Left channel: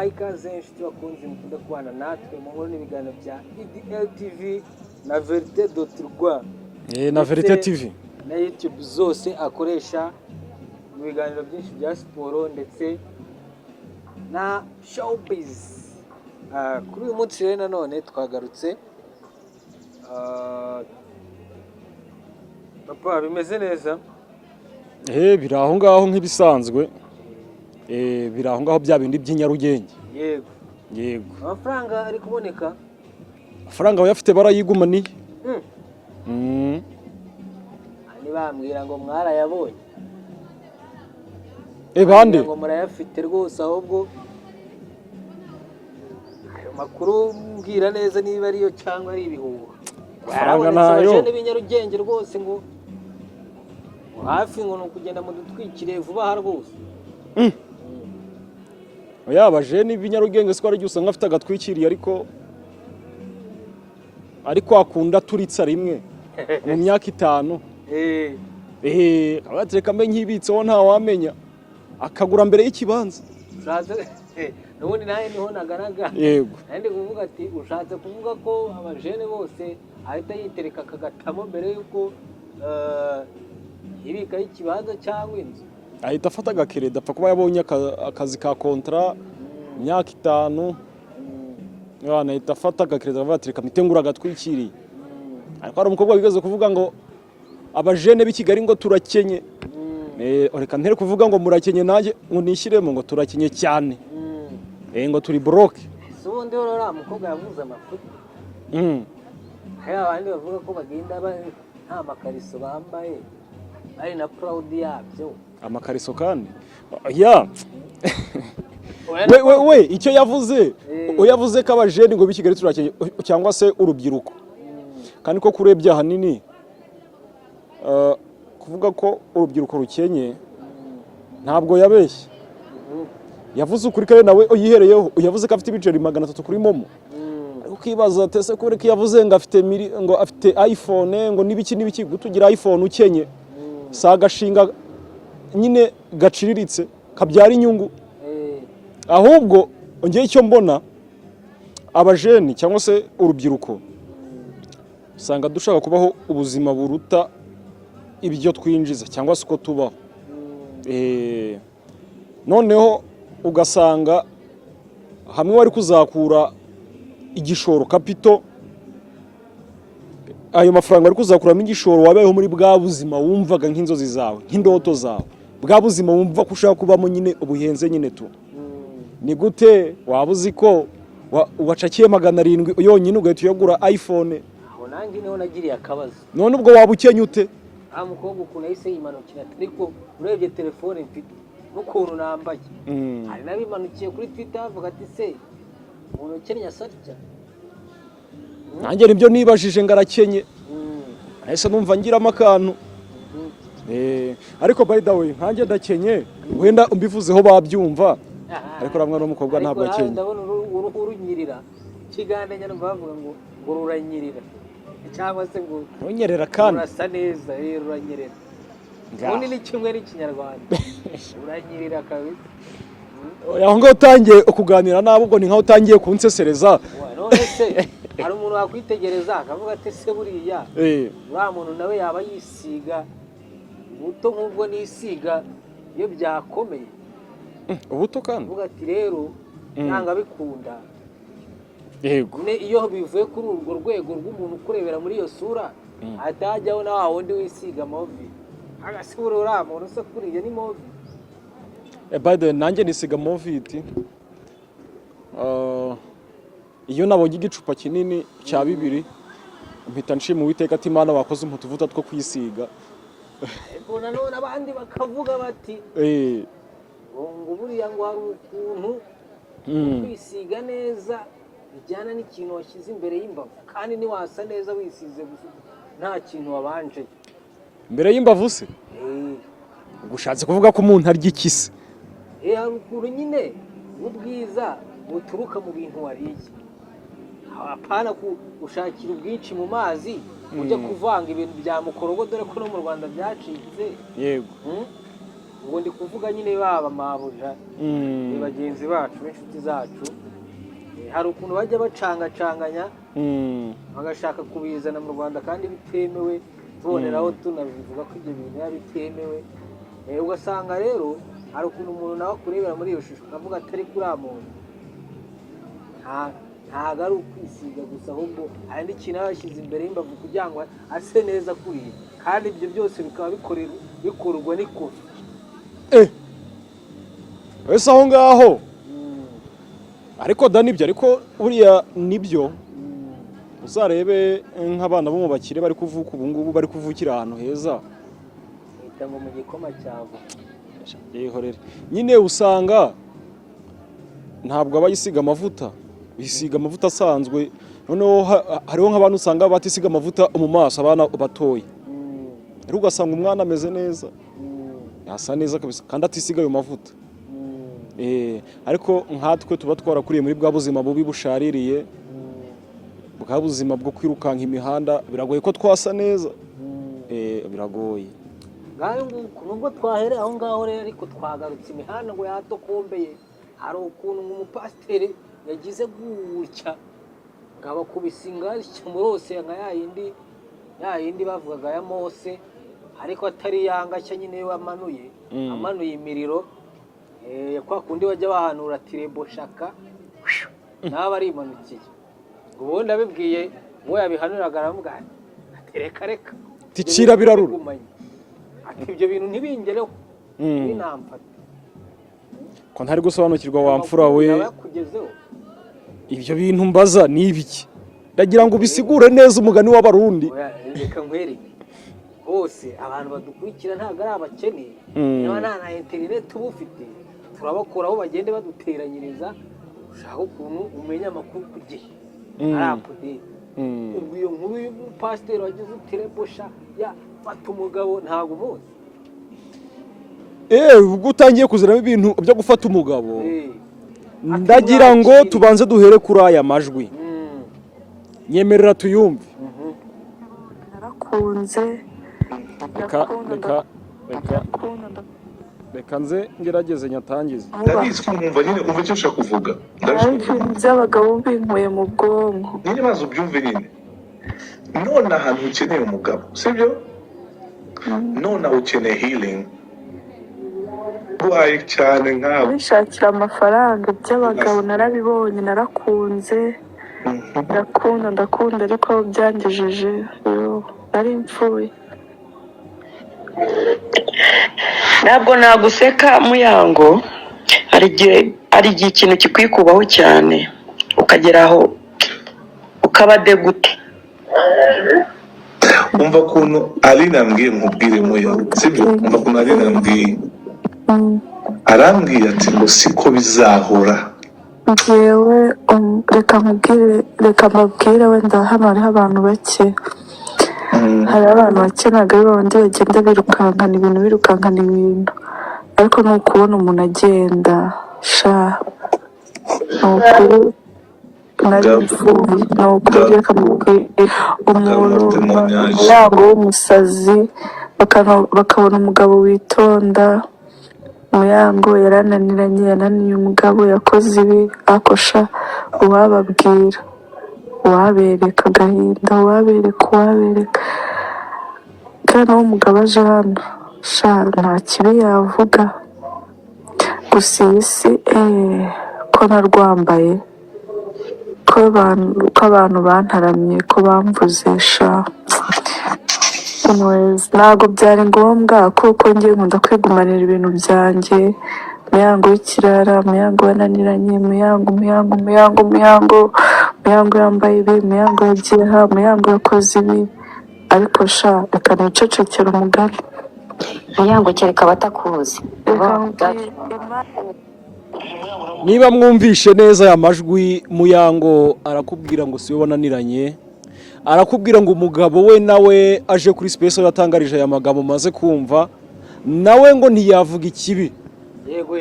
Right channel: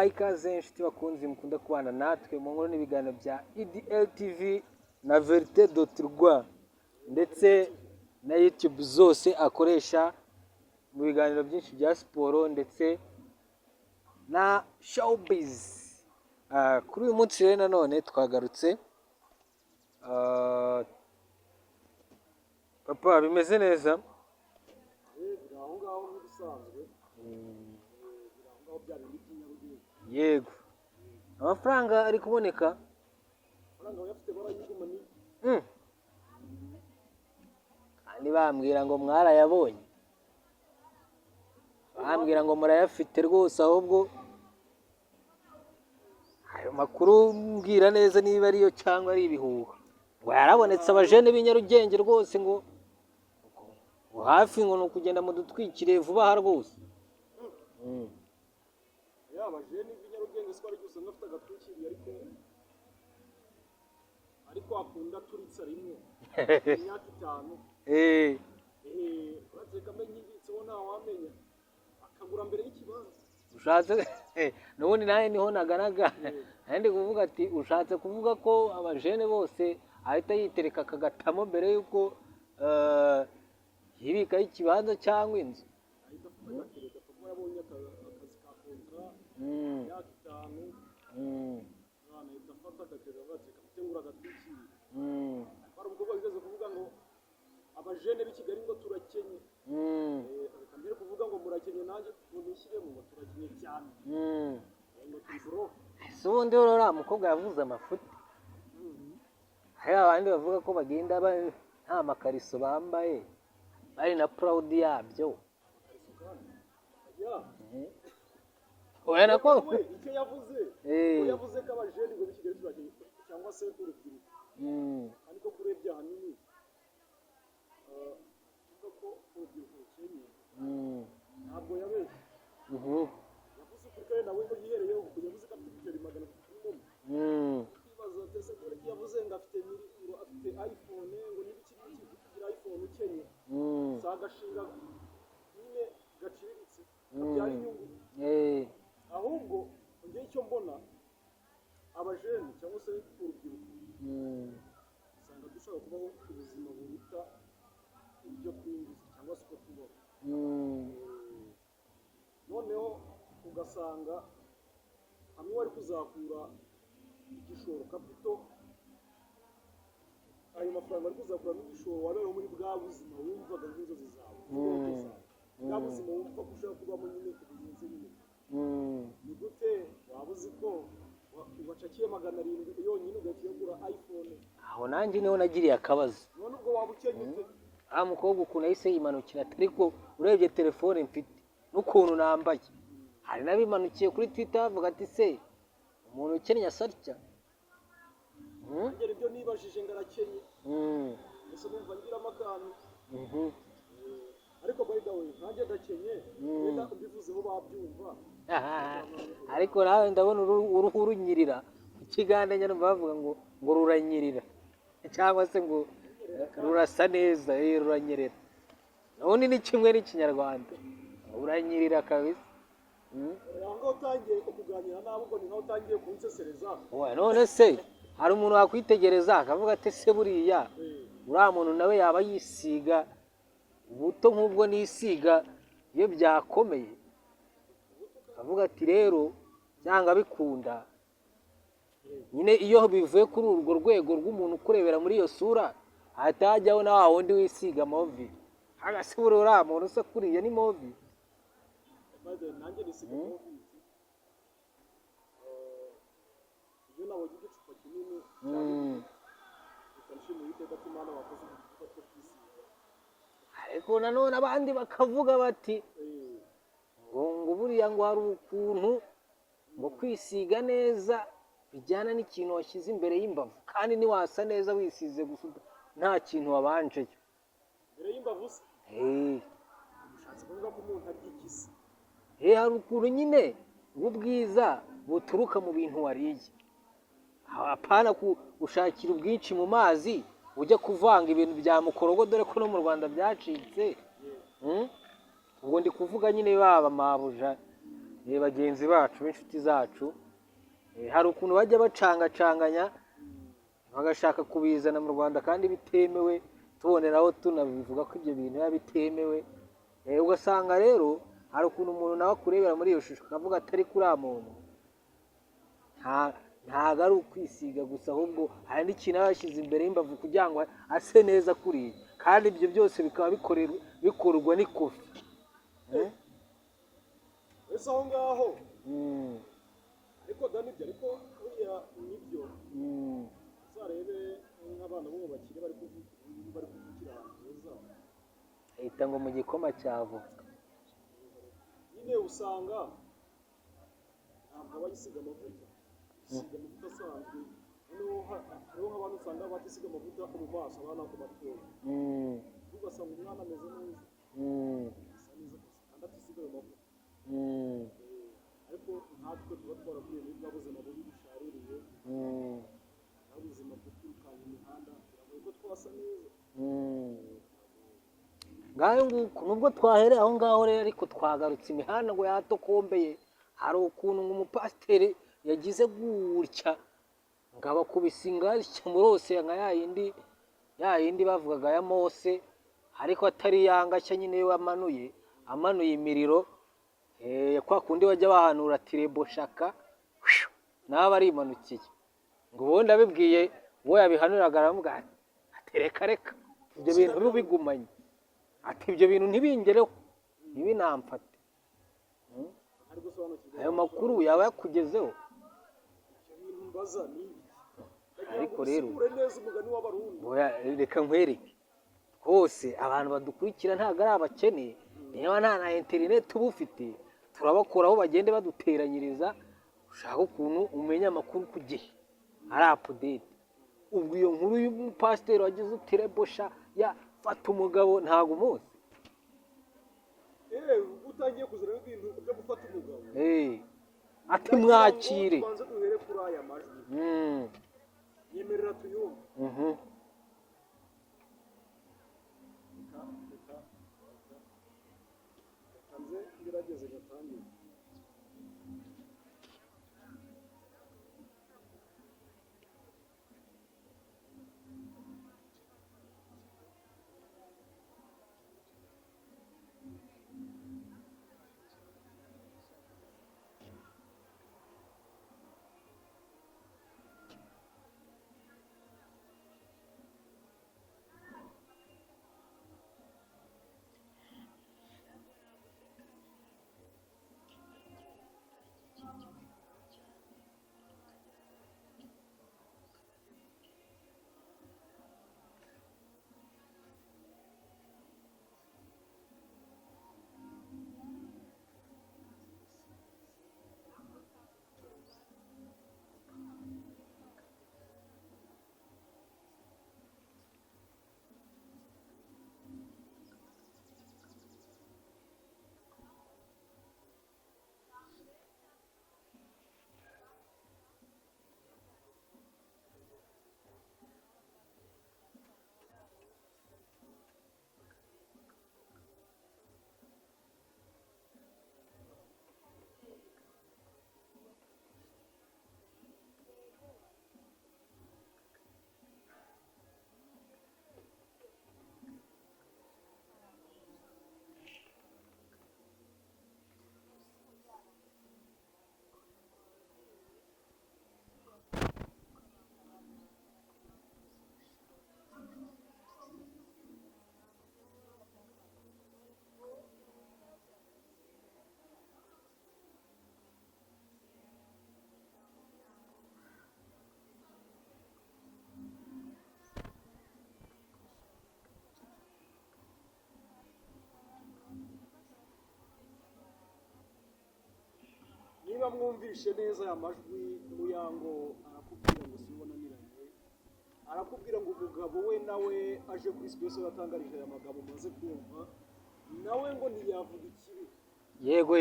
ikaze inshuti bakunzi mukunda kubana natwe mu nkuru n'ibiganiro bya EDL TV na Verite.rwa na Verite TV na YouTube zose akoresha mu biganiro byinshi bya siporo ndetse na showbiz. Kuri uyu munsi rero nanone twagarutse papa bimeze neza biri aho ngaho nk'ibisanzwe biri aho ngaho bya bindi by'inyarugenge. Yego amafaranga ari kuboneka, amafaranga bayafite barayigumaniye. Bambwira ngo mwarayabonye, bande ngo murayafite rwose, ahubwo ayo makuru mbwira neza niba ariyo cyangwa ari ibihuha. Yarabonetse abajene b'inyarugenge rwose ngo hafi ngo nukugenda mu dutwikire vuba aha rwose. Abajene b'inyarugenge siko ari usanga afite agatwikiriye ariko akunda turitsa rimwe mu myaka 5. Abatereka mbe nkibitseho nta wamenya akagura mbere y'ikibanza. Ushatse nubundi naye niho naganaga. Yego. Kandi kuvuga ati ushatse kuvuga ko abajene bose ahita yitereka akagatamo mbere yuko yibika y'ikibanza cyangwa inzu. Ahita afata agakereda apfa kuba yabonye akazi ka kontra myaka 5. Yana ahita afata agakereda avatereka mitengura agatwikiriye. Ariko hari umukobwa wigaze kuvuga ngo abajene b'i Kigali ngo turakenye. Reka ntere kuvuga ngo murakenye nanjye ngo nishyiremo ngo turakenye cyane. Ngo turi broke. Ubundi rero mukobwa yavuze amafuti. Hari abandi bavuga ko bagenda nta makariso bambaye ari na proud yabyo. Amakariso kandi we icyo yavuze yavuze ko abajene ngo b'i Kigali turakenye cyangwa se urubyiruko. Kandi ko kurebye ahanini kuvuga ko urubyiruko rukenye ntabwo yabeshye. Yavuze ukuri kare nawe yihereyeho, yavuze ko afite ibiceri 300 kuri momo. Ukibaza tese kubera ko yavuze ngo afite iPhone ngo nibiki gutugira iPhone ukenye sagashinga nyine gaciriritse kabyara inyungu. Ahubwo ongeye icyo mbona abajeni cyangwa se urubyiruko usanga dushaka kubaho ubuzima buruta ibyo twinjiza cyangwa se uko tubaho. Noneho ugasanga hamwe wari kuzakura igishoro kapito, ayo mafaranga wari kuzakuramo igishoro wabayeho muri bwa buzima wumvaga nk'inzozi zawe nk'indoto zawe, bwa buzima wumva ko ushaka kubamo nyine ubuhenze nyine tu. Ni gute waba uzi ko wacakiye 700 yonyine ugahita uyagura iPhone? Aho nanjye niho nagiriye akabazo. None ubwo waba ukenye ute? Mukobwa ukuntu yahise yimanukira, ariko urebye telefone mfite n'ukuntu nambaye. Hari nabimanukiye kuri Twitter avuga ati se umuntu ukennye asarya. Nanjye nibyo nibajije ngarakenye. Ese numva ngiramo akantu. Ariko by the way nkanjye ndakenye wenda umbivuzeho babyumva. Ariko ramwe n'umukobwa ntabwo akenye. Ariko ndabona uruhu runyirira. Ikigande nyine bavuga ngo ruranyirira. Cyangwa se ngo unyerera kandi urasa neza, ruranyerera. Ubundi ni kimwe n'ikinyarwanda. Uranyirira kabisa. Aho ngo utangiye kuganira nabo ubwo ni nkaho utangiye kunsesereza. None se hari umuntu wakwitegereza akavuga ati se buriya uriya muntu nawe yaba yisiga ubuto nk'ubwo nisiga iyo byakomeye. Ubuto kandi uvuga ati rero nanga bikunda. Yego. Iyo bivuye kuri urwo rwego rw'umuntu kurebera muri iyo sura atajyaho na wundi wisiga movi. Agasubura uriya muntu se kuriya ni movi. By the way nanjye nisiga moviti. Iyo nabonye igicupa kinini cya 2 mpita nshima Uwiteka ati Imana wakoze umutuvuta two kwisiga. Ariko nanone abandi bakavuga bati ngo buriya ngo hari ukuntu kwisiga neza bijyana n'ikintu washyize imbere y'imbavu, kandi niwasa neza wisize gusa nta kintu wabanje imbere y'imbavu se. Gushatse kuvuga ko umuntu arya ikisi. Hari ukuntu nyine ubwiza buturuka mu bintu wariye. Apana gushakira ubwinshi mu mazi ujya kuvanga ibintu bya mukorogo, dore ko no mu Rwanda byacitse. Yego. ubwo ndi kuvuga nyine baba mabuja bagenzi bacu b'inshuti zacu hari ukuntu bajya bacangacanganya bagashaka kubizana mu Rwanda kandi bitemewe tuboneraho tunabivuga ko ibyo bintu biba bitemewe ugasanga rero hari ukuntu umuntu nawe akurebera muri iyo shusho akavuga atari kuri muntu ntabwo ari ukwisiga gusa ahubwo hari n'ikintu aba yashyize imbere y'imbavu kugira ngo ase neza kuriya kandi ibyo byose bikaba bikorwa n'ikofi wese aho ngaho ariko da nibyo ariko buriya nibyo uzarebe nk'abana bo mu bakire bari kuvuka ubu ngubu bari kuvukira ahantu heza leta ngo mu gikoma cyavo nyine usanga ntabwo abayisiga amavuta bisiga amavuta asanzwe noneho hariho nk'abantu usanga batisiga amavuta mu maso abana batoya rero ugasanga umwana ameze neza yasa neza kabisa kandi atisiga ayo mavuta ariko nkatwe tuba twarakuriye muri bwa buzima bubi bushaririye bwa buzima bwo kwirukanka imihanda biragoye ko twasa neza biragoye nubwo twahereye aho ngaho rero ariko twagarutse imihanda ngo yatokombeye hari ukuntu umupasiteri yagize gutya ngo abakubise ingarishya murose nka ya yindi bavugaga ya Mose ariko atari yangashya nyine we amanuye imiriro kwa kundi bajya bahanura tirebo shaka nawe arimanukiye ngo ubundi abibwiye uwo yabihanuraga aramubwira ati reka ticira birarura ati ibyo bintu ntibingereho ntibinamfate ko ntari gusobanukirwa wa mfura we yakugezeho ibyo bintu mbaza ni ibiki ndagira ngo bisigure neza umugani w'abarundi reka nkwereke hose abantu badukurikira ntabwo ari abakene niba nta na interineti uba ufite turabakoraho bagende baduteranyiriza ushaka ukuntu umenya amakuru ku gihe ari apudeti ubwo iyo nkuru y'umupasiteri wagize utirebosha yafata umugabo ntabwo umuzi ubwo utangiye kuziramo ibintu byo gufata umugabo ndagira ngo tubanze duhere kuri aya majwi nyemerera tuyumve narakunze reka nze ngerageze nyatangize ndabizi ko mwumva nyine umva icyo ushaka kuvuga by'abagabo binkuye mu bwonko nyine maze ubyumve nyine none ahantu ukeneye umugabo sibyo none ukeneye healing uhaye cyane nkawe wishakira amafaranga by'abagabo narabibonye narakunze ndakunda ariko byangejeje nari mpfuye ntabwo naguseka muyango hari igihe ikintu kikwikubaho cyane ukagera aho ukaba degute umva ukuntu Aline ambwiye nkubwire muyango sibyo umva ukuntu Aline ambwiye arambwiye ati ngo siko bizahora ngewe reka mbabwire wenda hano hariho abantu bake hari abantu bake ntabwo ari babandi bagenda birukankana ibintu ariko ni ukubona umuntu agenda ni ukuri nari mfuye ni ukuri reka mbabwire umuntu umuryango w'umusazi bakabona umugabo witonda muyango yananiye umugabo yakoze ibi akosha uwababwira uwabereka agahinda uwabereka kandi uwo mugabo aje hano nta kibi yavuga gusa iyi si ko narwambaye ko abantu bantaramye ko bamvuze ntabwo byari ngombwa kuko ngiye nkunda kwigumanira ibintu byanjye muyango w'ikirara muyango wananiranye muyango yambaye ibi muyango yagiye aha muyango yakoze ibi ariko reka nicecekere umugani muyango kereka abatakuzi niba mwumvishe neza aya majwi muyango arakubwira ngo siwe wananiranye arakubwira ngo umugabo we nawe aje kuri space yatangarije aya magambo maze kumva nawe ngo ntiyavuga ikibi yego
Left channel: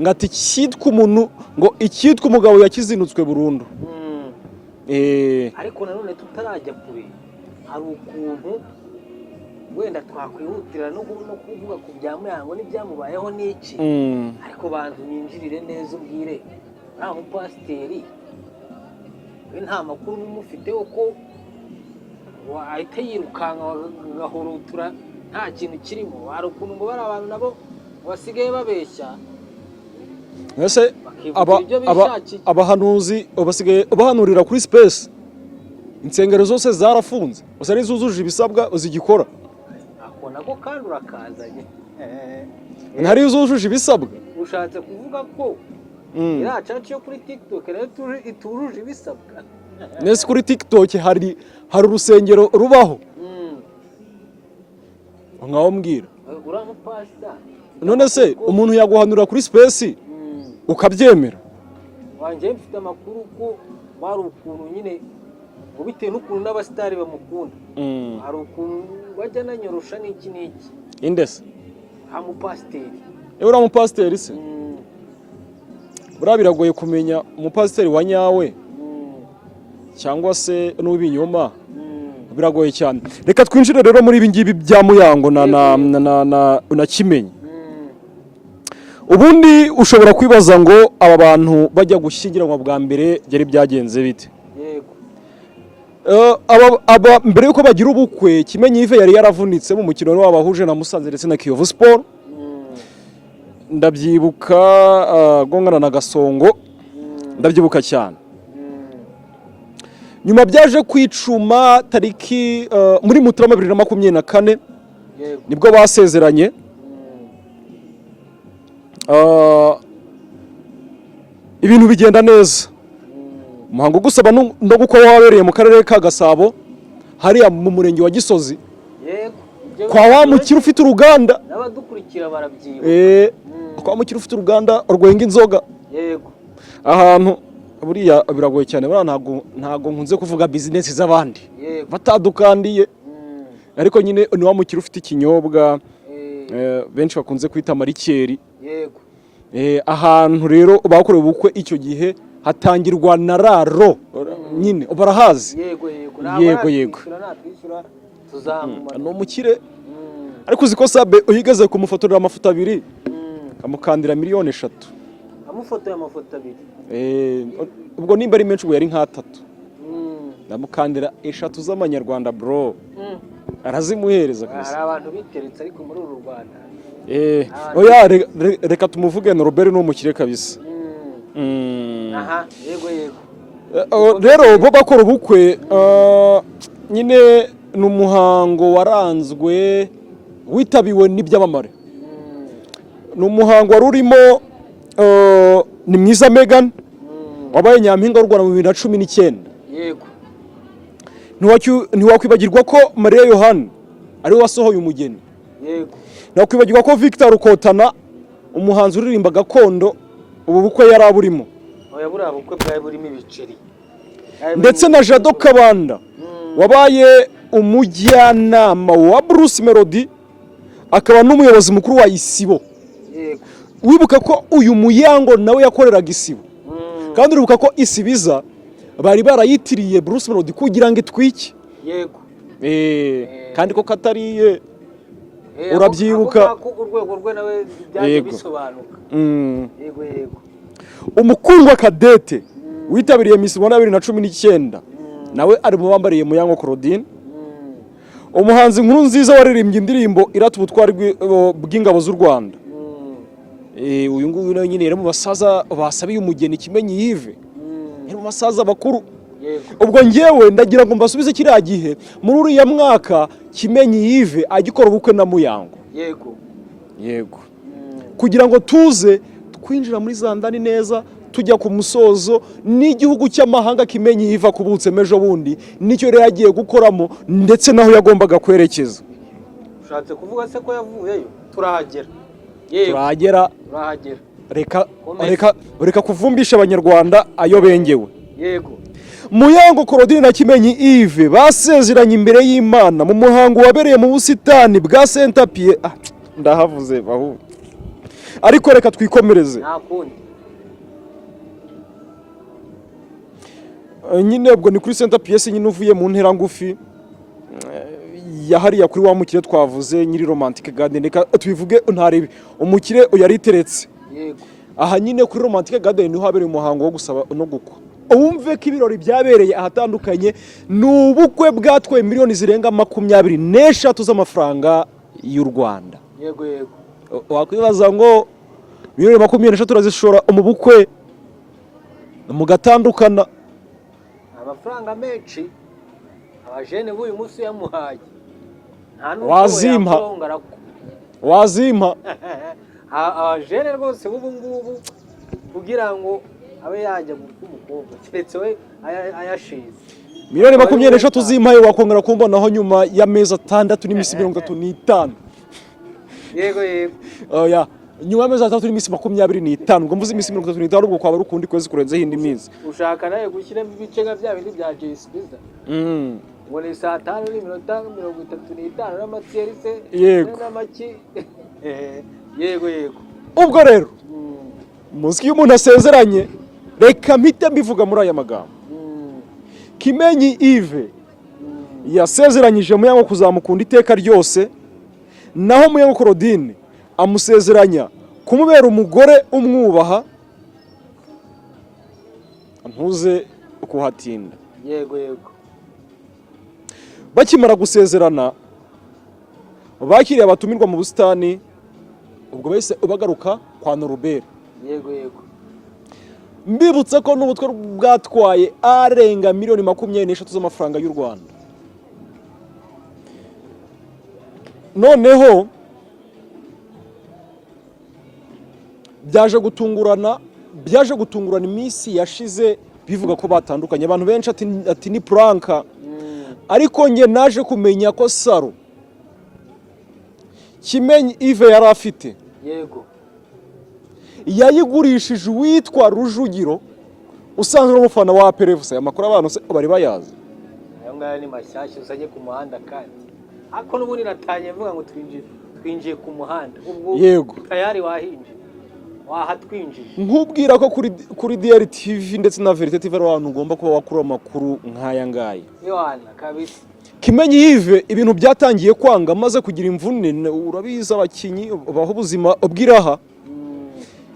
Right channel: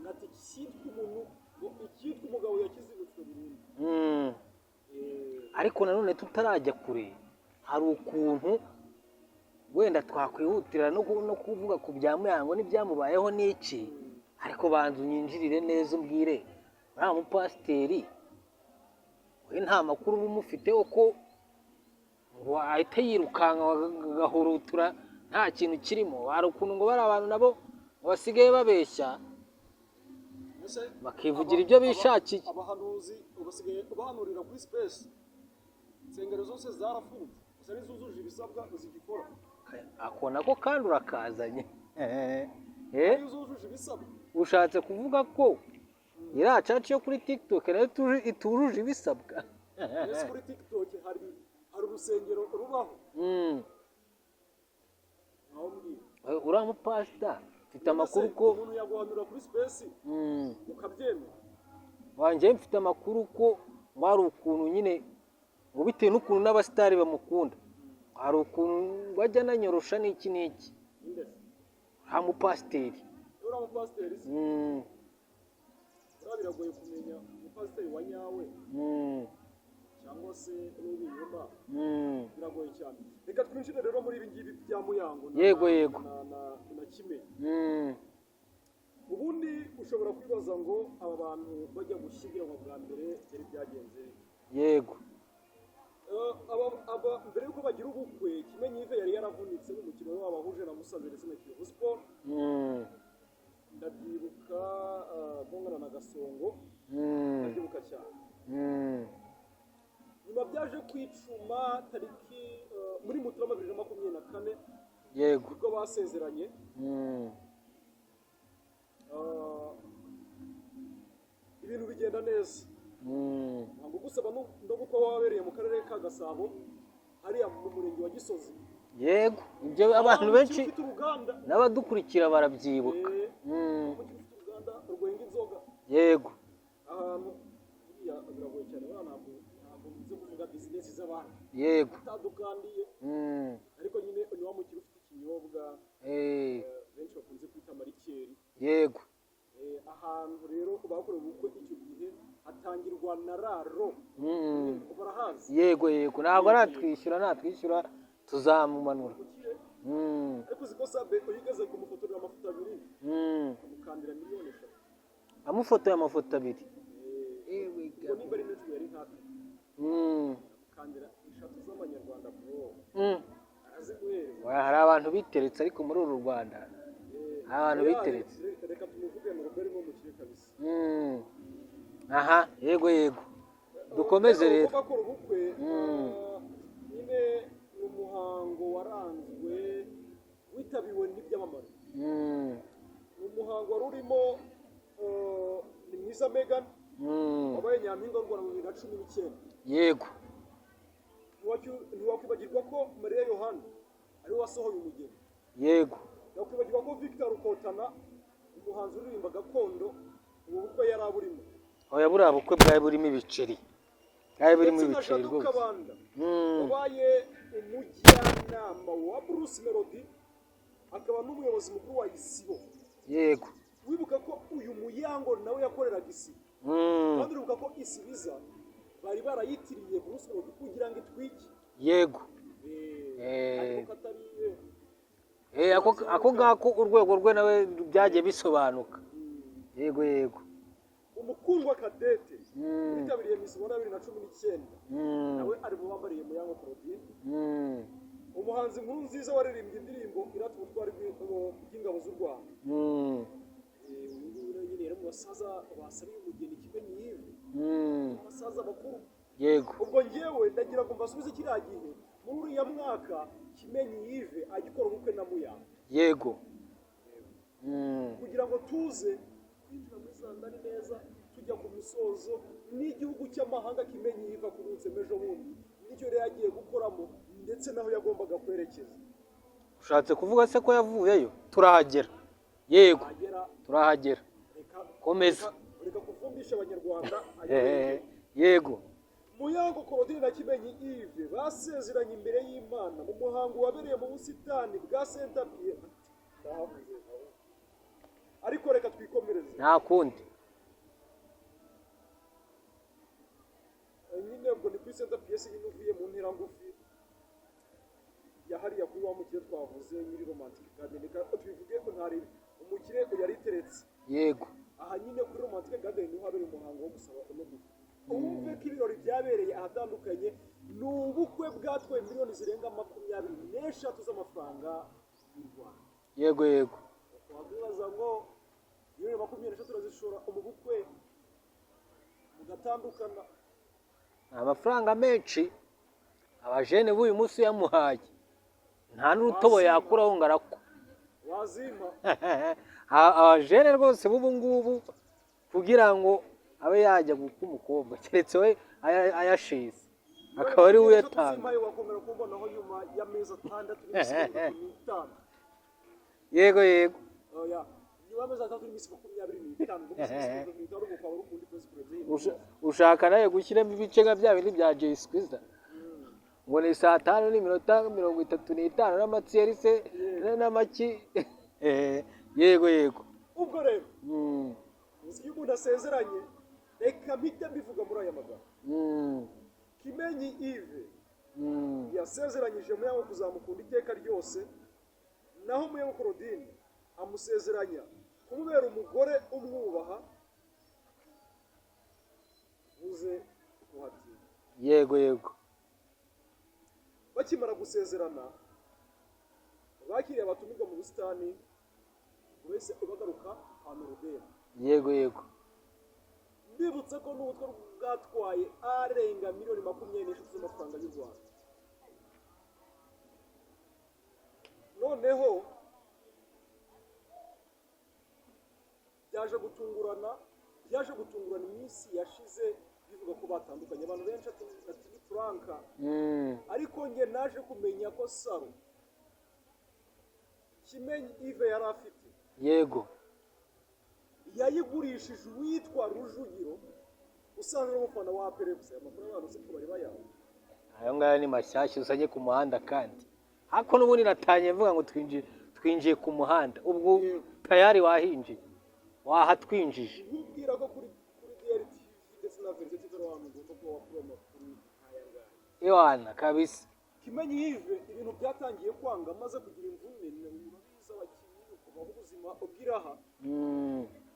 ngati cyitwa umuntu ngo icyitwa umugabo yakizinutswe burundu ariko nanone tutarajya kure hari ukuntu wenda twakwihutira no kuvuga ku bya Muyango n'ibyamubayeho n'iki ariko banza unyinjirire neza umbwire uriya mupasiteri we nta makuru umufiteho ko wahita yirukanka agahurutura nta kintu kirimo. Hari ukuntu ngo bari abantu nabo basigaye babeshya ese bakivugira ibyo bishakiye. Abahanuzi basigaye bahanurira kuri space, insengero zose zarafunze gusa n'izujuje ibisabwa zigikora. Ako nako kandi urakazanye ntari zujuje ibisabwa. Ushatse kuvuga ko iriya caci yo kuri TikTok nayo itujuje ibisabwa? Nese kuri TikTok hari urusengero rubaho nkaho mbwira uriya mupasita. None se umuntu yaguhanura kuri space ukabyemera? Wanjye mfite amakuru ko bari ukuntu nyine ngo bitewe n'ukuntu n'abasitari bamukunda hari ukuntu bajya nanyorosha n'iki n'iki. Indese ha mupasiteri uriya mupasiteri se buriya biragoye kumenya umupasiteri wa nyawe cyangwa se n'uw'ibinyoma, biragoye cyane. Reka twinjire rero muri ibi ngibi bya Muyango na Kimenyi. Ubundi ushobora kwibaza ngo aba bantu bajya gushyingiranwa bwa mbere byari byagenze bite? Yego. Mbere yuko bagira ubukwe Kimenyi Yves yari yaravunitse mu mukino wabahuje na Musanze ndetse na Kiyovu Sport. Ndabyibuka gongana na Gasongo, ndabyibuka cyane. Nyuma byaje kwicuma tariki muri Mutarama 2024 nibwo basezeranye. Ibintu bigenda neza. Umuhango gusaba no gukora wabereye mu karere ka Gasabo hariya mu murenge wa Gisozi. Yego. Kwa wa mukiri ufite uruganda n'abadukurikira barabyibuka. Kwa mukiri ufite uruganda urwenga inzoga. Yego. Ahantu buriya biragoye cyane, buriya ntago nkunze kuvuga business z'abandi batadukandiye, ariko nyine ni wa mukiri ufite ikinyobwa benshi bakunze kwita marikeri. Yego. Ahantu rero bakorewe ubukwe icyo gihe hatangirwa na raro nyine barahazi. Yego. Yego. Natwishyura tuzamumana. No mukire. Ariko uziko Sabe uyigeze kumufotorera amafoto 2 amukandira miliyoni 3. Amufotoye amafoto 2. Ubwo nimba ari menshi ubwo yari nka 3. Namukandira 3 z'amanyarwanda bro. Arazimuhereza gusa. Hari abantu biteretse ariko muri uru Rwanda. Oya reka tumuvuge na Robert n'umukire kabisa. Aha, yego. Rero bo bakora ubukwe nyine n'umuhango waranzwe witabiwe n'ibyamamare. N'umuhango wari urimo ni mwiza Megan wabaye nyampinga w'u Rwanda mu 2019. Yego. Ntiwakwibagirwa ko Maria Yohani ari we wasohoye umugeni. Yego. Ntiwakwibagirwa ko Victor Rukotana umuhanzi uririmba gakondo ubu bukwe yari aburimo. Oya buriya bukwe bwawe burimo ibiceri. Ndetse na Jado Kabanda wabaye umujyanama wa Bruce Melody akaba n'umuyobozi mukuru wa Isibo. Yego. Wibuka ko uyu Muyango nawe yakoreraga Isibo. Kandi uribuka ko Isibiza bari barayitiriye Bruce Melody kugira ngo itwike. Yego. Kandi ko katariye urabyibuka ko urwego rwe nawe byaje bisobanuka. Yego. Umukundwa Kadete witabiriye Miss Rwanda 2019 nawe ari mu bambariye Muyango Claudine. Umuhanzi nkuru nziza waririmbye indirimbo irata ubutwari bw'ingabo z'u Rwanda. Uyu nguyu nawe nyine mu basaza basabiye umugeni Kimenyi Yves. Mu basaza bakuru. Ubwo ngewe ndagira ngo mbasubize kiriya gihe muri uriya mwaka Kimenyi Yves agikora ubukwe na Muyango. Yego. Kugira ngo tuze twinjira muri zandani neza tujya ku musozo n'igihugu cy'amahanga Kimenyi Yves kubutse mejo bundi nicyo rero yagiye gukoramo ndetse naho yagombaga kwerekeza. Ushatse kuvuga se ko yavuyeyo? Turahagera. Turahagera. Reka kuvumbisha abanyarwanda ayo bengewe. Yego. Muyango Claudine na Kimenyi Yves basezeranye imbere y'Imana mu muhango wabereye mu busitani bwa Saint Pierre. Ndahavuze bahu. Ariko reka twikomereze. Nta kundi. Nyine ubwo ni kuri Saint Pierre nyine uvuye mu ntera ngufi hariya kuri wa mukire twavuze nyiri romantic garden, reka tubivuge ntarebe umukire yariteretse. Yego. Aha nyine kuri romantic garden niho habereye umuhango wo gusaba no gukwa. Wumve ko ibirori byabereye ahatandukanye, ni ubukwe bwatwaye miliyoni zirenga 24 z'amafaranga y'u Rwanda. Yego yego. Wakwibaza ngo miliyoni 24 turazishora mu bukwe mugatandukana. Amafaranga menshi abajene b'uyu munsi yamuhaye nta Wazimpa. yakurongara ko Wazimpa. abajene rwose b'ubu ngubu kugira ngo abe yajya guk'umukobwa keretse we ayashize. Miliyoni 24 zimpaye wakongera kumbonaho nyuma y'amezi 6 n'iminsi 35. Yego yego. Oya, nyuma y'amezi 3 n'iminsi 25, ngo mvuze iminsi 35 ubwo kwaba rukundi kwezi kurenzeho indi minsi. Ushaka naye gushyiramo ibice nka bya bindi bya Jay Squeezer. Ngo ni saa 5 n'iminota 35 n'amatsiyeri se n'amaki. Yego yego. Ubwo rero muzi iyo umuntu asezeranye, reka mpite mbivuga muri aya magambo. Kimenyi Yves yasezeranyije Muyango kuzamukunda iteka ryose, naho Muyango Claudine amusezeranya kumubera umugore umwubaha, ntuze kuhatinda. Yego yego. Bakimara gusezerana bakiriye abatumirwa mu busitani, ubwo bahise bagaruka kwa Norbert. Yego yego. Mbibutsa ko n'ubutwe bwatwaye arenga miliyoni 24 z'amafaranga y'u Rwanda. Noneho byaje gutungurana iminsi yashize bivuga ko batandukanye, abantu benshi ati ni pranka. Ariko nge naje kumenya ko Saro Kimenyi Yves yari afite, yego, yayigurishije uwitwa Rujugiro usanzwe umufana wa Perevusa. Amakuru abantu se bari bayazi. Ayo ngaya ni mashyashya uzanye ku muhanda kandi. Ako n'ubundi natanye mvuga ngo twinjiye ku muhanda. Ubwo yego tayari wahinje. Wahatwinjije. Nkubwira ko kuri DRTV ndetse na Verite TV abantu ugomba kuba wakura amakuru nk'aya ngaya. Yohana kabisa. Kimenyi Yves ibintu byatangiye kwanga maze kugira imvune, urabiza abakinyi baho ubuzima ubwiraha.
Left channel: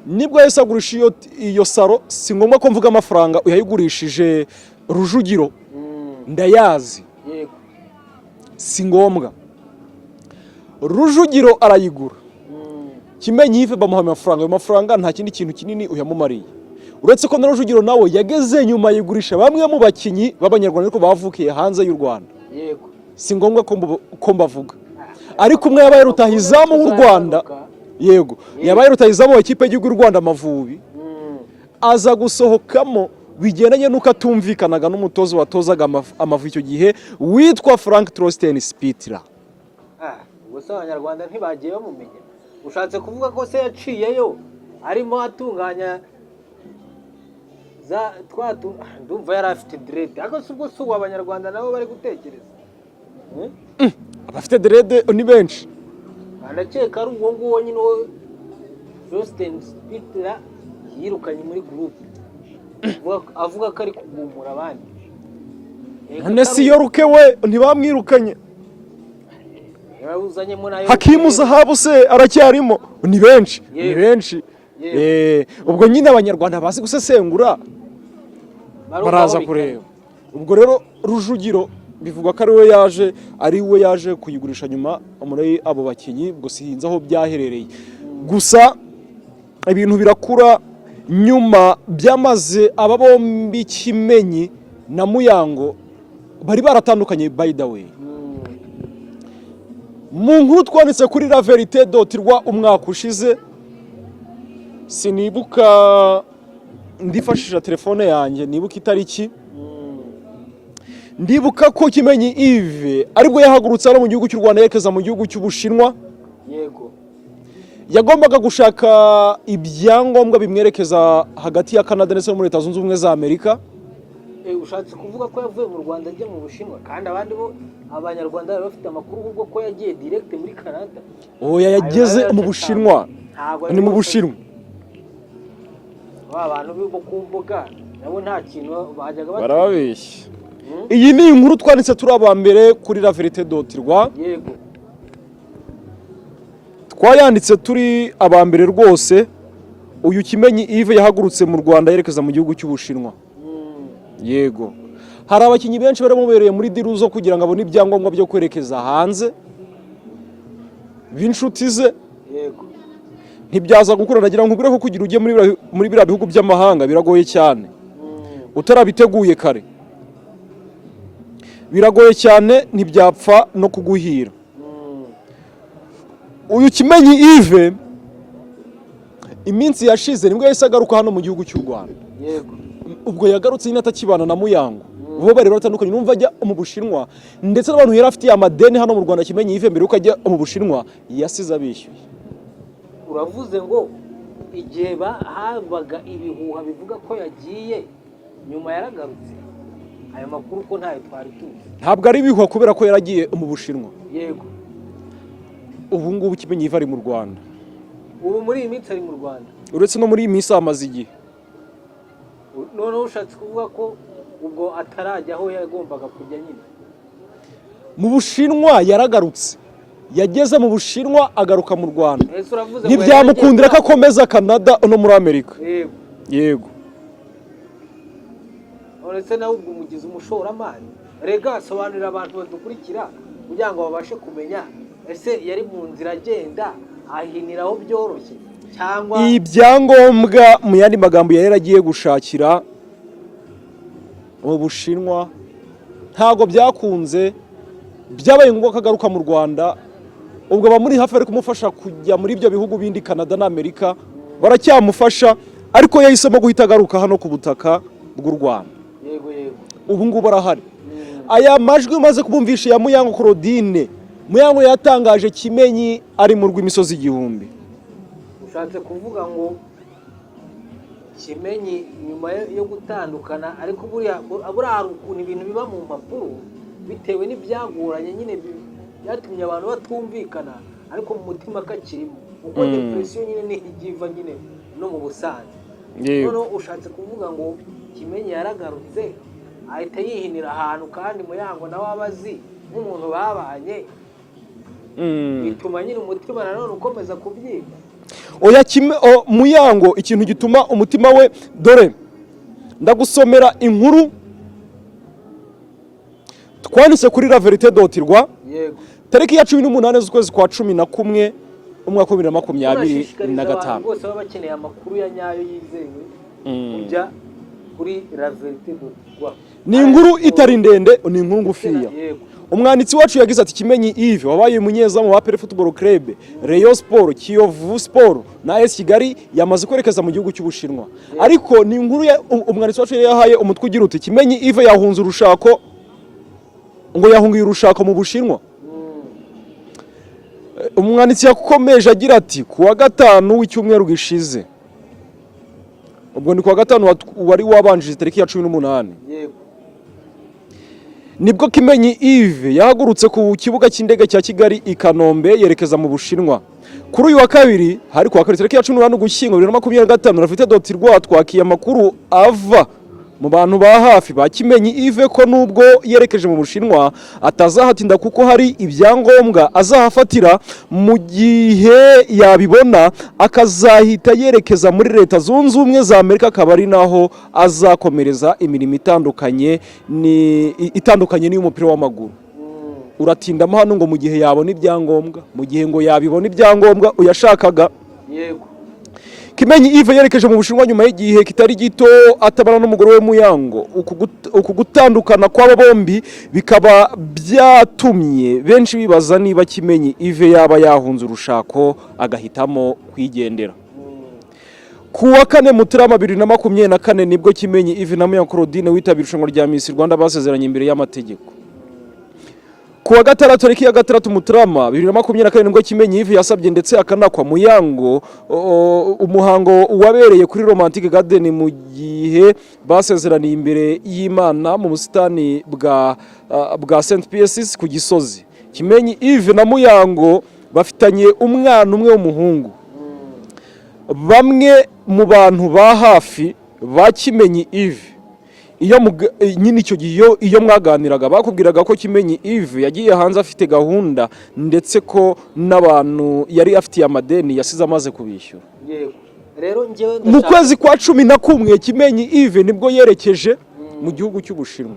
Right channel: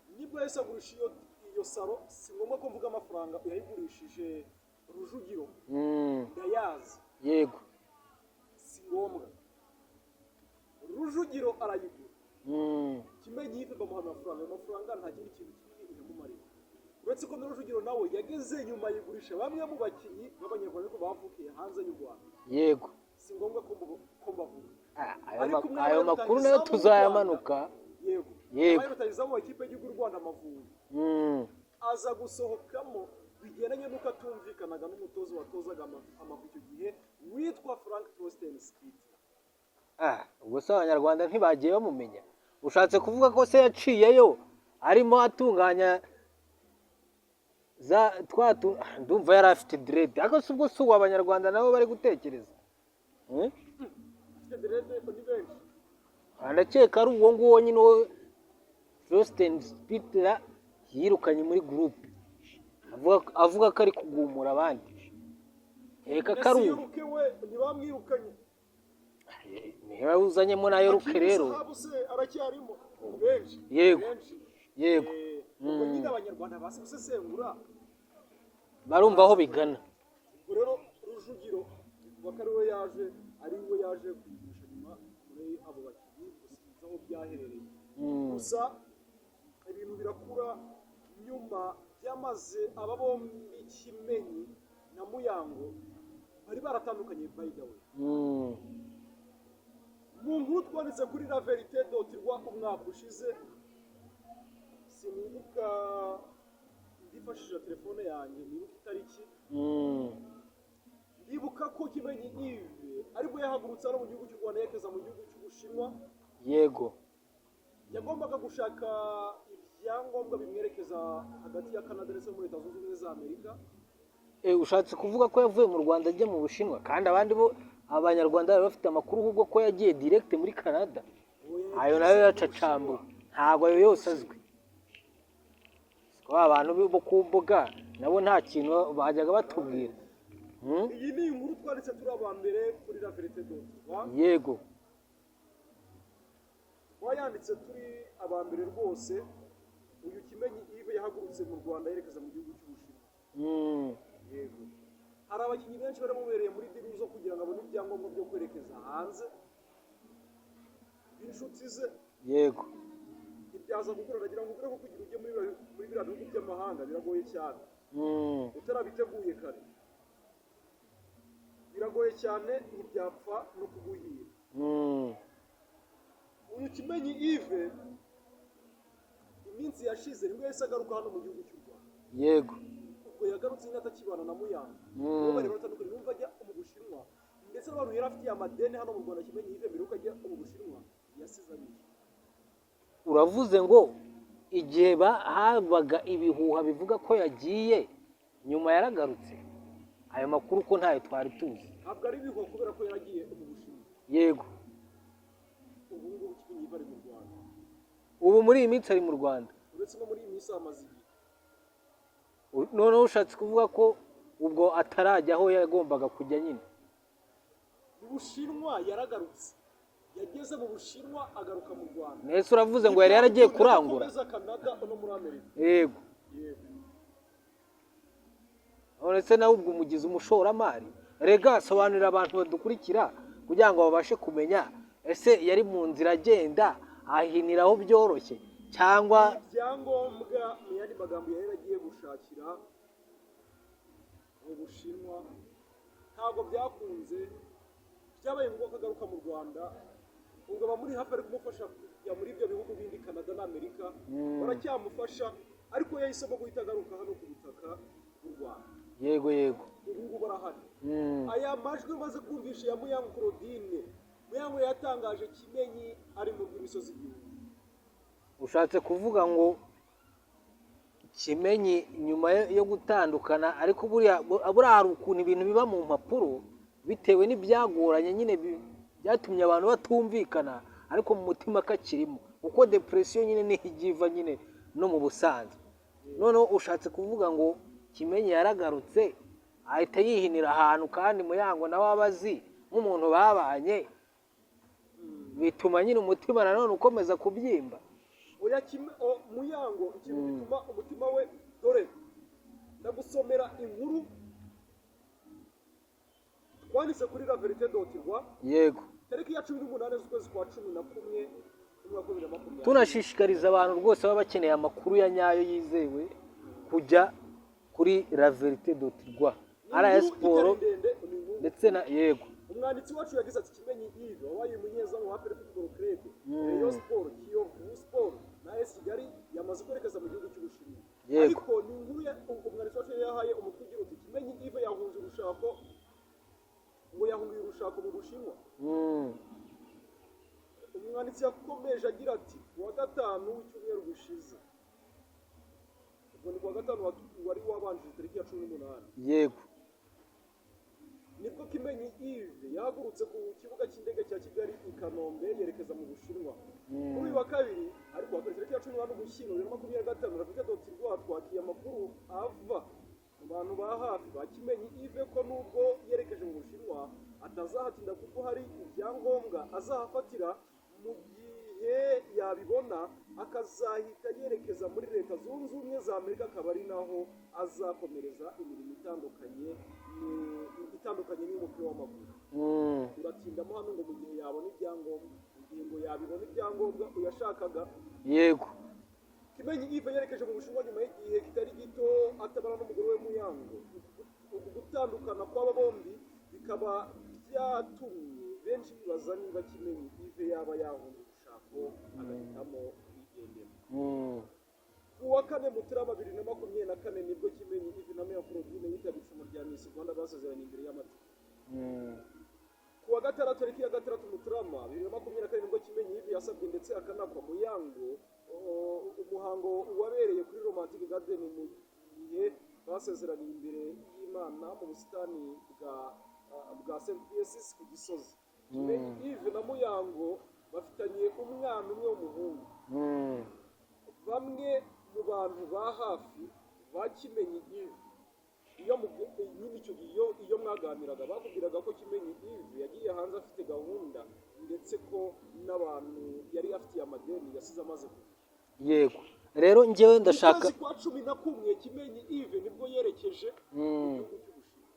Nibwo yahise agurisha iyo Saro, si ngombwa ko mvuga amafaranga uyayigurishije Rujugiro. Ndayazi. Yego. Si ngombwa. Rujugiro arayigura. Kimenyi Yves bamuha amafaranga, ayo mafaranga nta kindi kintu kinini uyamumariye. Uretse ko na Rujugiro nawe yageze nyuma yigurisha bamwe mu bakinyi b'Abanyarwanda ariko bavukiye hanze y'u Rwanda. Yego. Si ngombwa ko mbavuga. Ariko umwe yabaye rutahizamu w'u Rwanda. Yego. Yabaye rutahizamu w'ikipe y'u Rwanda Amavubi. Aza gusohokamo bigendanye nuko atumvikanaga n'umutozo watozaga Amavubi icyo gihe witwa Frank Trosten Spitler. Ubwo se Abanyarwanda ntibagiye bamumenya. Ushatse kuvuga ko se yaciyeyo arimo atunganya za ndumva yari afite dread. Ariko si ubwo si Abanyarwanda nabo bari gutekereza. Abafite dread ni benshi. Ndakeka ari uwo nguwo nyine Trosten Spitler yirukanye muri group. Avuga ko ari kugumura abandi. Nesi yoruke we ntibamwirukanye. Uzanyemo nayo Hakimu Zahabu se aracyarimo. Ni benshi. Ni benshi. Ubwo nyine Abanyarwanda bazi gusesengura baraza kureba. Ubwo rero Rujugiro bivugwa ko ari we yaje kuyigurisha nyuma muri abo bakinyi, ubwo sihinze aho byaherereye. Gusa ibintu birakura nyuma byamaze aba bombi Kimenyi na Muyango bari baratandukanye by the way. Mu nkuru twanditse kuri La Verite.rwa umwaka ushize, sinibuka ndifashisha telefone yanjye nibuka itariki. Ndibuka ko Kimenyi Yves aribwo yahagurutse ari mu gihugu cy'u Rwanda yerekeza mu gihugu cy'Ubushinwa. Yego. Yagombaga gushaka ibyangombwa bimwerekeza hagati ya Canada ndetse no muri Leta Zunze Ubumwe za Amerika. Ushatse kuvuga ko yavuye mu Rwanda ajya mu Bushinwa kandi abandi bo Abanyarwanda bari bafite amakuru ubwo ko yagiye direct muri Canada. Oya yageze mu Bushinwa. Ni mu Bushinwa. Abantu bo ku mbuga nabo nta kintu bajyaga barababeshya. iyi ni inkuru twanditse turi abambere kuri laverite.rwa. yego twayanditse turi abambere rwose. Uyu Kimenyi Yves yahagurutse mu Rwanda yerekeza mu gihugu cy'Ubushinwa. Yego, hari abakinnyi benshi baramubereye muri diru zo kugira ngo abone ibyangombwa byo kwerekeza hanze b'inshuti ze. yego Ntibyaza gukura, nagira ngo ubire ko kugira ujye muri biriya bihugu by'amahanga biragoye cyane utarabiteguye kare, biragoye cyane, ntibyapfa no kuguhira. Uyu Kimenyi Yves iminsi yashize nibwo yahise agaruka hano mu gihugu cy'u Rwanda. yego Ubwo yagarutse nyine atakibana na Muyango, bo bari baratandukanye, numva ajya mu Bushinwa, ndetse n'abantu yari afitiye amadeni hano mu Rwanda. Kimenyi Yves mbere yuko ajya mu Bushinwa yasize abishyuye. uravuze ngo igihe habaga ibihuha bivuga ko yagiye, nyuma yaragarutse. Ayo makuru ko ntayo twari tuzi. Ntabwo ari ibihuha kubera ko yaragiye mu Bushinwa. yego Ubu ngubu Kimenyi Yves ari mu Rwanda. ubu muri iyi minsi ari mu Rwanda, Uretse no muri iyi minsi amaze igihe. noneho ushatse kuvuga ko ubwo atarajya aho yagombaga kujya nyine. Mu Bushinwa yaragarutse, yageze mu Bushinwa agaruka mu Rwanda. ese uravuze ngo ntibyamukundira ko akomeza Canada no muri Amerika. yego Yego. uretse nawe ubwo umugize umushoramari. Rega sobanurira abantu badukurikira kugira ngo babashe kumenya, ese yari mu nzira agenda ahiniraho byoroshye cyangwa ibyangombwa mu yandi magambo yari agiye gushakira mu Bushinwa ntago byakunze, byabaye ngombwa ko agaruka mu Rwanda. Ubwo abamuri hafi ari kumufasha kujya muri ibyo bihugu bindi, Canada na Amerika baracyamufasha, ariko yahisemo guhita agaruka hano ku butaka bw'u Rwanda. yego yego Ubu ngubu arahari. Aya majwi umaze kubumvisha ya Muyango Claudine, Muyango yatangaje Kimenyi ari mu rw'imisozi igihumbi. ushatse kuvuga ngo Kimenyi nyuma yo gutandukana, ariko buriya hari ukuntu ibintu biba mu mpapuro bitewe n'ibyagoranye nyine byatumye abantu batumvikana, ariko mu mutima kakirimo, kuko depression nyine ntigiva nyine no mu busanzwe. noneho ushatse kuvuga ngo Kimenyi yaragarutse ahita yihinira ahantu, kandi Muyango nawe abazi nk'umuntu babanye, bituma nyine umutima nanone ukomeza kubyimba. Oya Muyango, ikintu gituma umutima we, dore ndagusomera inkuru twanditse kuri laverite.rwa. yego tariki ya 18 z'ukwezi kwa 11 umwaka wa 2025. tunashishikariza abantu bose baba bakeneye amakuru ya nyayo yizewe kujya kuri laverite.rwa. Ni inkuru itari ndende, ni inkuru ngufiya. yego Umwanditsi wacu yagize ati Kimenyi Yves wabaye umunyezamu wa APR Football Club, Rayon Sport, Kiyovu Sport na AS Kigali yamaze kwerekeza mu gihugu cy'Ubushinwa. Ariko ni inkuru umwanditsi wacu yahaye umutwe ugira uti Kimenyi Yves yahunze urushako, ngo yahungiye urushako mu Bushinwa. Umwanditsi yakomeje agira ati kuwa gatanu w'icyumweru gishize, ubwo ni kuwa gatanu wari wabanjije tariki ya 18, yego nibwo Kimenyi Yves yahagurutse ku kibuga cy'indege cya Kigali i Kanombe yerekeza mu Bushinwa. Kuri uyu wa kabiri, hari kuwa kabiri tariki ya 18 Ugushyingo 2025, laverite.rwa twakiye amakuru ava mu bantu ba hafi ba Kimenyi Yves ko nubwo yerekeje mu Bushinwa atazahatinda, kuko hari ibyangombwa azahafatira, mu gihe yabibona akazahita yerekeza muri Leta Zunze Ubumwe za Amerika, akaba ari naho azakomereza imirimo itandukanye n'iy'umupira w'amaguru. Uratindamo hano ngo mu gihe yabona ibyangombwa, mu gihe ngo yabibona ibyangombwa uyashakaga. yego Kimenyi Yves yerekeje mu Bushinwa nyuma y'igihe kitari gito atabana n'umugore we Muyango. Uku gutandukana kw'aba bombi bikaba byatumye benshi bibaza niba Kimenyi Yves yaba yahunze urushako agahitamo kwigendera. Ku wa 4 Mutarama 2024 nibwo Kimenyi Yves na Muyango Claudine witabira irushanwa rya Miss Rwanda basezeranye imbere y'amategeko. Ku wa gatandatu tariki ya 6 Mutarama 2024 nibwo Kimenyi Yves yasabye ndetse akanakwa Muyango umuhango wabereye kuri Romantic Garden mu gihe basezeraniye imbere y'Imana mu busitani bwa St Pius ku Gisozi. Kimenyi Yves na Muyango bafitanye umwana umwe w'umuhungu. Bamwe mu bantu ba hafi ba Kimenyi Yves nyine icyo gihe iyo mwaganiraga bakubwiraga ko Kimenyi Yves yagiye hanze afite gahunda ndetse ko n'abantu yari afitiye amadeni yasize amaze kubishyura. Yego rero njyewe mu kwezi kwa 11 Kimenyi Yves nibwo yerekeje mu gihugu cy'Ubushinwa.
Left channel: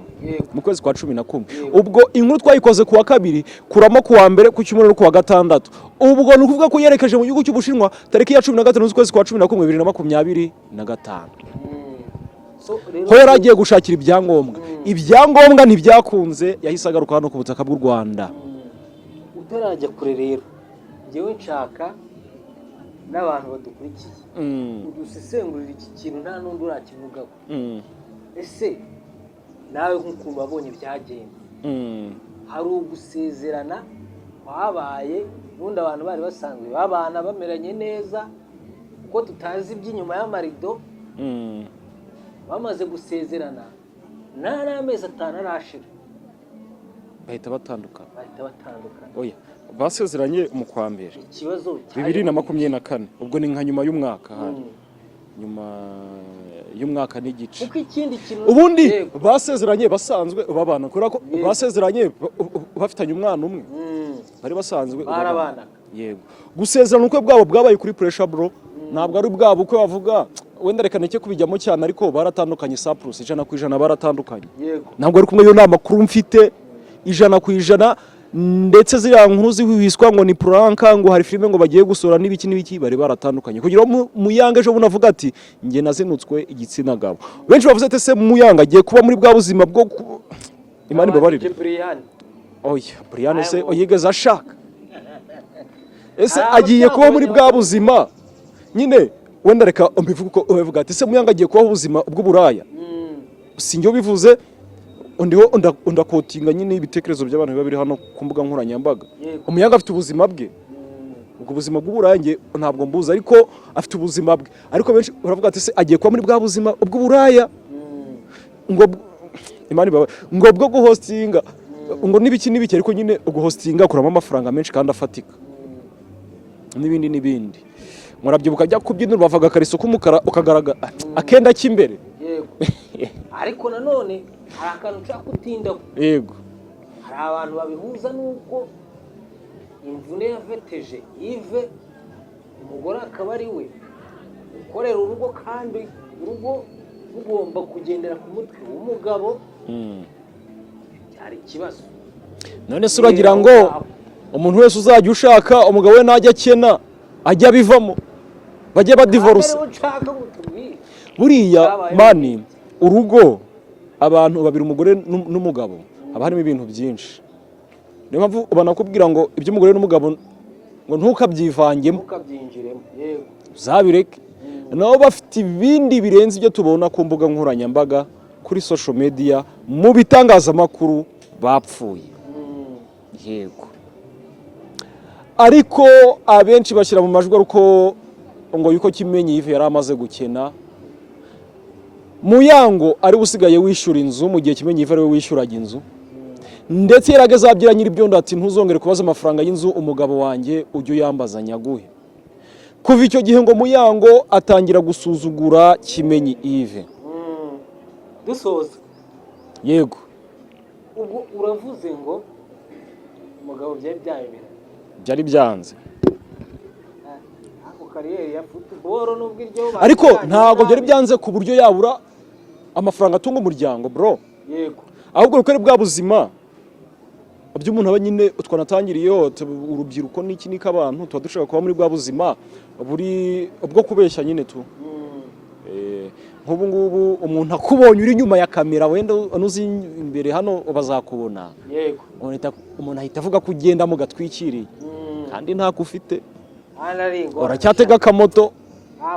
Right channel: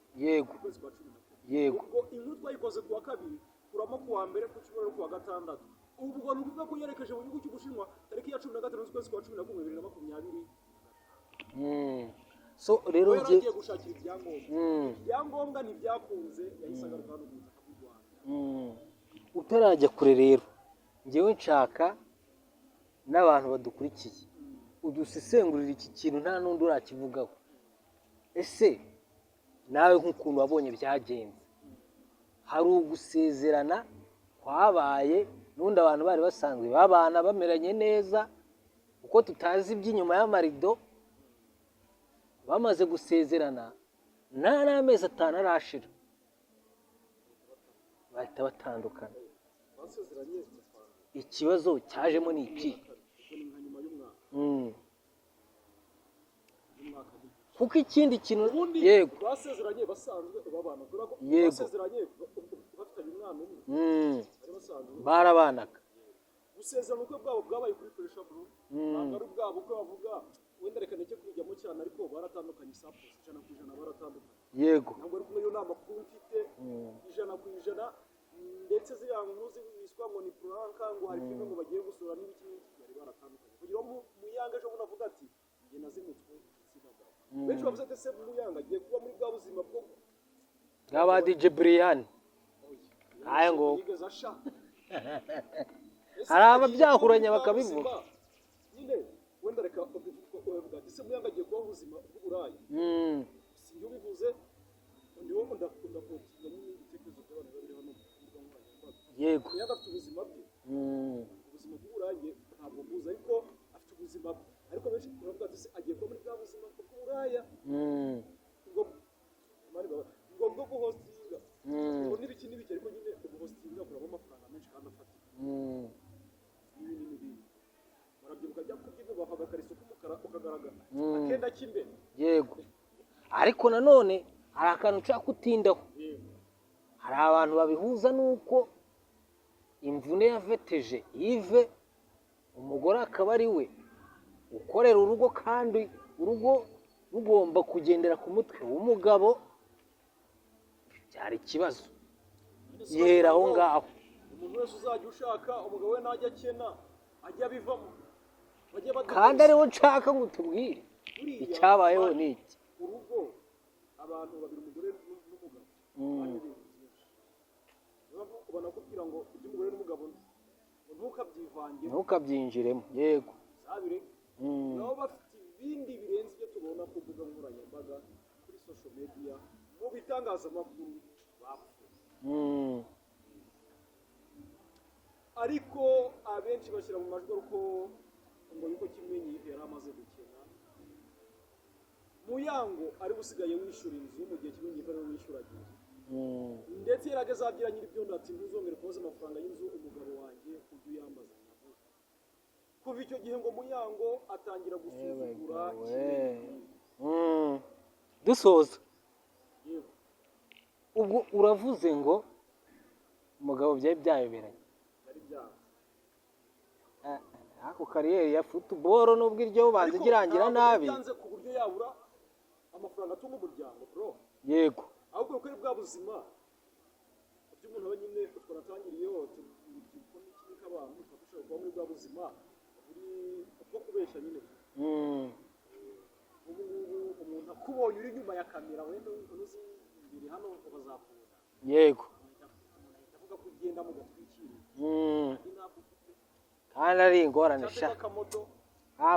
Mu kwezi kwa 11 ubwo inkuru twayikoze kuwa kabiri kuramo kuwa mbere ku cyumweru no kuwa gatandatu. Ubwo ni ukuvuga ko yerekeje mu gihugu cy'Ubushinwa tariki ya 15 z'ukwezi kwa 11 2025. Ho yaragiye gushakira ibyangombwa. Ibyangombwa ntibyakunze yahise agaruka hano ku butaka bw'u Rwanda. Utarajya kure rero njyewe nshaka n'abantu badukurikiye udusesengurira iki kintu nta n'undi urakivugaho. Ese nawe nk'ukuntu wabonye byagenze hari ugusezerana kwabaye n'undi abantu bari basanzwe babana bameranye neza kuko tutazi iby'inyuma y'amarido bamaze gusezerana nta n'amezi 5 arashira bahita batandukana. Oya basezeranye mu kwa mbere ikibazo cyaje 2024 ubwo ni nka nyuma y'umwaka nyuma y'umwaka n'igice kuko ikindi kintu ubundi basezeranye basanzwe babana kubera ko basezeranye bafitanye umwana umwe bari basanzwe barabanaga. Yego gusezerana ukwe bwabo bwabaye kuri pressure bro ntabwo ari bwabo uko bavuga wenda reka neke kubijyamo cyane ariko baratandukanye Cyprus 100% baratandukanye. Yego ntabwo ari kumwe yo nama makuru mfite 100% ndetse ziriya nkuru zihiswa ngo ni pranka ngo hari filime ngo bagiye gusora n'ibiki bari baratandukanye kugira Muyanga ejo bunavuga ati nge nazinutswe igitsina gabo. Benshi bavuze ate se Muyanga agiye kuba muri bwa buzima bwo Imana babarire Brian se oyigeze ashaka ese agiye kuba muri bwa buzima nyine wenda reka mbivuga uko uvuga ati se Muyanga agiye kuba ubuzima bw'uburaya sinjye bivuze undiho undakotinga nyine ibitekerezo by'abantu biba biri hano ku mbuga nkoranyambaga. Umuyanga afite ubuzima bwe ubwo buzima bw'uburange ntabwo mbuza ariko afite ubuzima bwe ariko benshi baravuga ati se agiye kuba muri bwa buzima bw'uburaya ngo Imana baba ngo bwo guhostinga ngo n'ibiki ariko nyine uguhostinga kuramo amafaranga menshi kandi afatika n'ibindi murabyibuka jya kubyinira bavaga kariso k'umukara ukagaragara akenda cy'imbere. Yego ariko nanone hari akantu ushaka kutindaho. Yego hari abantu babihuza nuko imvune yaveteje Yves umugore akaba ari we ukorera urugo kandi urugo rugomba kugendera ku mutwe w'umugabo byari ikibazo. None se uragira ngo umuntu wese uzajya ushaka umugabo we najya akena ajya bivamo bajye badivorce buriya mani urugo abantu babiri umugore n'umugabo haba harimo ibintu byinshi. Niyo mpamvu banakubwira ngo iby'umugore n'umugabo ngo ntukabyivangemo ntukabyinjiremo. Yego zabireke nabo bafite ibindi birenze ibyo tubona ku mbuga nkoranyambaga kuri social media mu bitangazamakuru bapfuye. Yego ariko abenshi bashyira mu majwi uko ngo yuko Kimenyi Yves yari amaze gukena Muyango ari usigaye wishyura inzu mu gihe Kimenyi Yves ari we wishyuraga inzu ndetse yarageze abyira nyiri byondo ati ntuzongere kubaza amafaranga y'inzu umugabo wanjye ujye uyambaza nyaguhe. Kuva icyo gihe ngo Muyango atangira gusuzugura Kimenyi Yves. Dusoza yego ubwo uravuze ngo umugabo byari byanze ako kariyeri ya football nubwo iryo ariko ntabwo byari byanze ku buryo yabura amafaranga atunga umuryango bro. Yego ahubwo rukari bwa buzima by'umuntu aba nyine twanatangiriyeho urubyiruko n'iki n'ikabantu tuba dushaka kuba muri bwa buzima buri ubwo kubeshya nyine tu nk'ubu ngubu umuntu akubonye uri nyuma ya kamera wenda unuzi imbere hano bazakubona. Yego umuntu ahita avuga ko ugenda mu gatwikiriye kandi ntako ufite baracyatega akamoto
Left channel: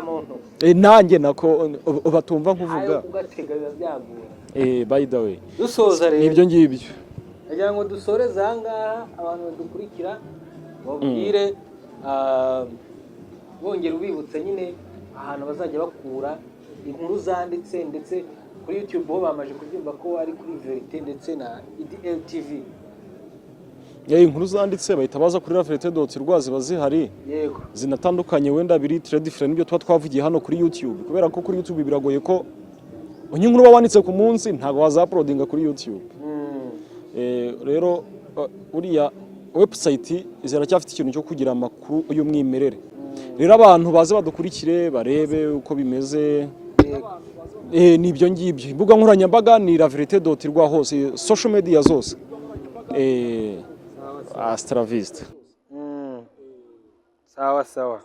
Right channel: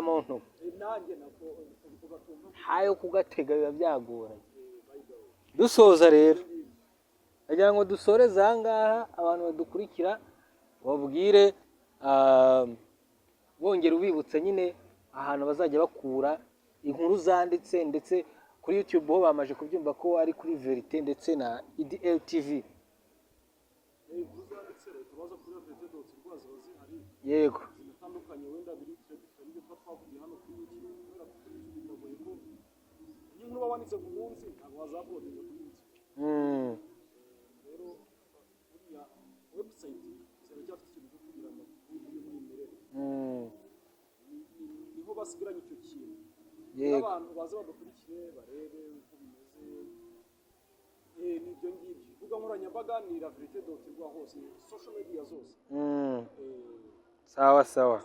muntu nanjye nako batumva nkuvuga ayo kugatega biba byagora. By the way dusoza rero ibyo ngibyo agira ngo dusoreze ahangaha abantu badukurikira babwire bongera ubibutsa nyine ahantu bazajya bakura inkuru zanditse ndetse kuri YouTube ho bamaje kubyumva ko ari kuri Verite ndetse na IDL TV. Inkuru zanditse bahita baza kuri Verite.rwa ziba zihari. Yego zinatandukanye wenda biri different ibyo tuba twavugiye hano kuri YouTube kubera ko kuri YouTube biragoye ko nk'inkuru uba wanditse ku munsi ntabwo wazaprodinga kuri YouTube. Rero uriya website ziracyafite ikintu cyo kugira amakuru y'umwimerere. Rero abantu baze badukurikire barebe uko bimeze. Nibyo ngibyo. Imbuga nkoranyambaga ni laverite.rwa hose, social media zose. Astra Vista. Sawa sawa.